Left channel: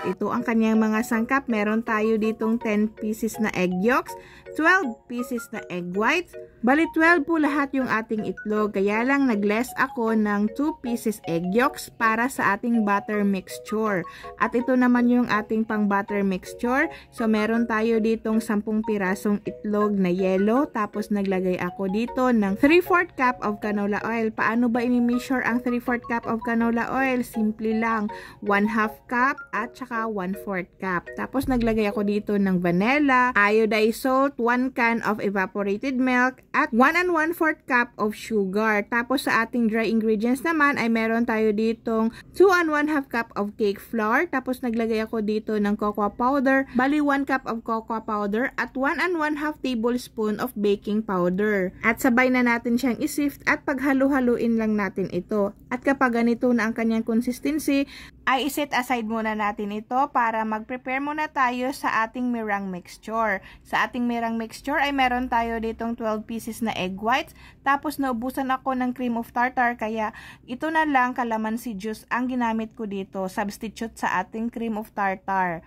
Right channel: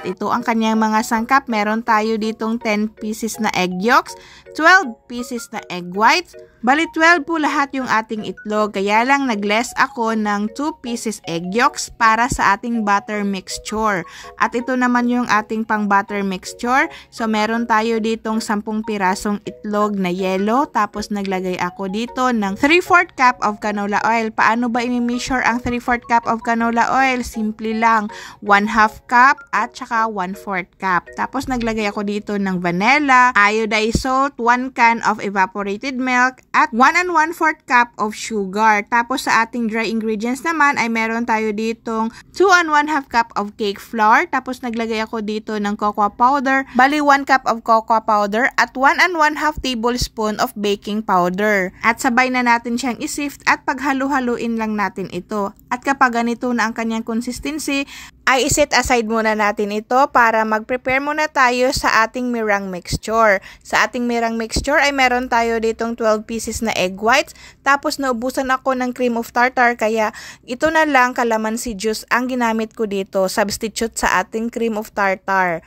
At ito ang kanyang mga sangkap. Meron tayo ditong 10 pieces na egg yolks, 12 pieces na egg whites. Bali 12 po lahat yung ating itlog. Kaya lang nag-less ako ng 2 pieces egg yolks para sa ating butter mixture. At ito naman yung ating pang butter mixture. So meron tayo ditong 10 pirasong itlog na yellow. Tapos naglagay ako dito ng 3/4 cup of canola oil. Paano ba i-measure ang 3/4 cup of canola oil? Simple lang. 1/2 cup at saka 1/4 cup. Tapos naglagay ako dito ng vanilla, iodized salt, 1 can of evaporated milk, at 1 1/4 cup of sugar. Tapos sa ating dry ingredients naman ay meron tayo ditong 2 1/2 cup of cake flour. Tapos naglagay ako dito ng cocoa powder. Bali 1 cup of cocoa powder at 1 1/2 tablespoon of baking powder. At sabay na natin siyang isift at paghalo-haluin lang natin ito. At kapag ganito na ang kanyang consistency, ay iset aside muna natin ito para mag-prepare muna tayo sa ating meringue mixture. Sa ating meringue mixture ay meron tayo ditong 12 pieces na egg whites. Tapos naubusan ako ng cream of tartar kaya ito na lang calamansi juice ang ginamit ko dito, substitute sa ating cream of tartar.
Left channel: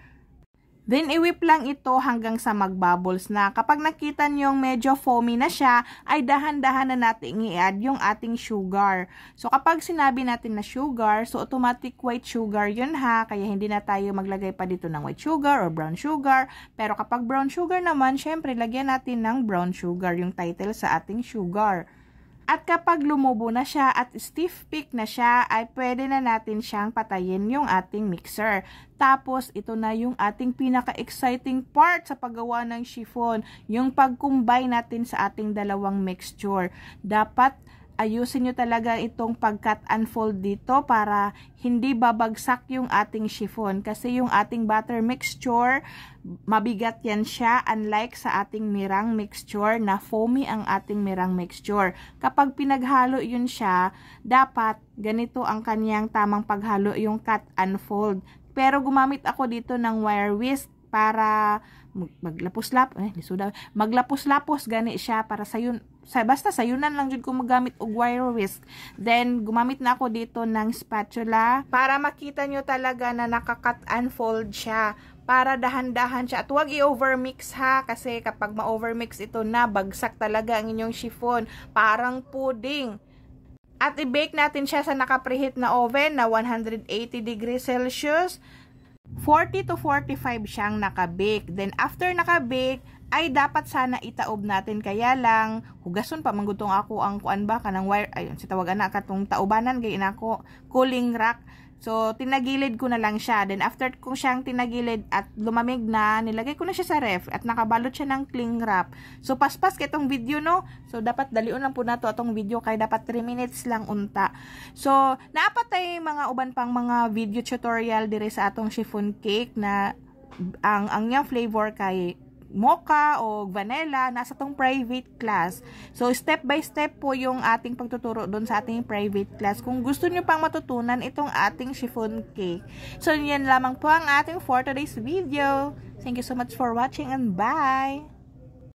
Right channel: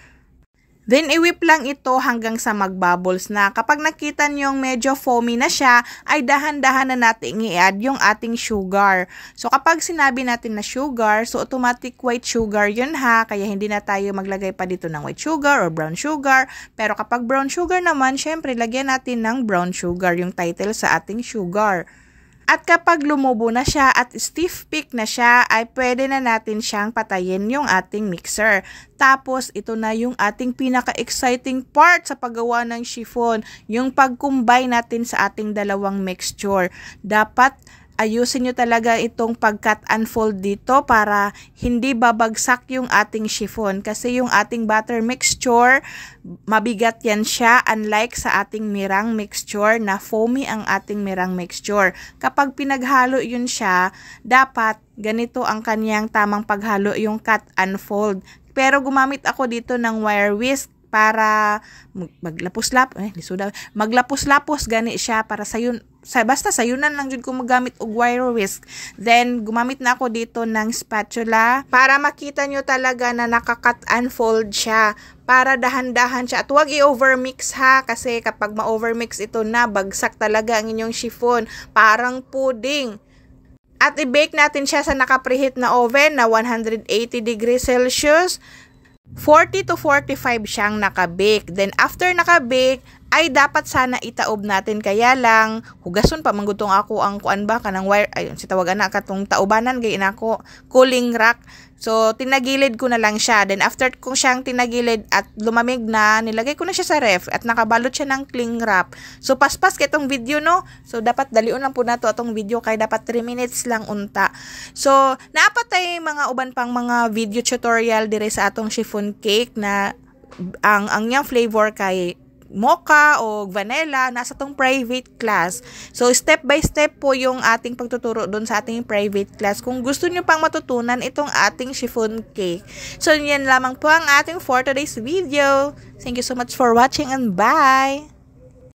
Then, i-whip lang ito hanggang sa mag-bubbles na. Kapag nakita nyong medyo foamy na siya, ay dahan-dahan na natin i-add yung ating sugar. So, kapag sinabi natin na sugar, so automatic white sugar yun ha. Kaya hindi na tayo maglagay pa dito ng white sugar or brown sugar. Pero kapag brown sugar naman, syempre, lagyan natin ng brown sugar, yung title sa ating sugar. At kapag lumubo na siya at stiff peak na siya, ay pwede na natin siyang patayin yung ating mixer. Tapos, ito na yung ating pinaka-exciting part sa paggawa ng chiffon, yung pag-combine natin sa ating dalawang mixture. Dapat ayusin nyo talaga itong pag-cut and fold dito para hindi babagsak yung ating chiffon. Kasi yung ating butter mixture, mabigat yan siya unlike sa ating meringue mixture na foamy ang ating meringue mixture. Kapag pinaghalo yun siya, dapat ganito ang kanyang tamang paghalo, yung cut and fold. Pero gumamit ako dito ng wire whisk para maglapos-lapos gani siya para basta sayunan lang jud ko magamit og wire whisk. Then gumamit na ako dito ng spatula para makita nyo talaga na naka-cut and fold siya, para dahan-dahan siya at huwag i-overmix ha, kasi kapag ma-overmix ito na bagsak talaga ang inyong chiffon, parang pudding. At i-bake natin siya sa naka-preheat na oven na 180 degrees Celsius. 40 to 45 siyang nakabake. Then after nakabake, ay dapat sana itaob natin. Kaya lang, hugason pa manggutong ako ang kuan ba kanang wire, ayun, si tawagan na katong taobanan gay nako, cooling rack. So, tinagilid ko na lang siya. Then, after kong siyang tinagilid at lumamig na, nilagay ko na siya sa ref at nakabalot siya ng cling wrap. So, paspas kay itong video, no? So, dapat dalion lang po na to atong video kay dapat 3 minutes lang unta. So, naapatay mga uban pang mga video tutorial dire sa atong chiffon cake na ang niyang flavor kay mocha o vanilla, nasa tong private class. So, step by step po yung ating pagtuturo doon sa ating private class. Kung gusto nyo pang matutunan itong ating chiffon cake. So, yan lamang po ang ating for today's video. Thank you so much for watching and bye!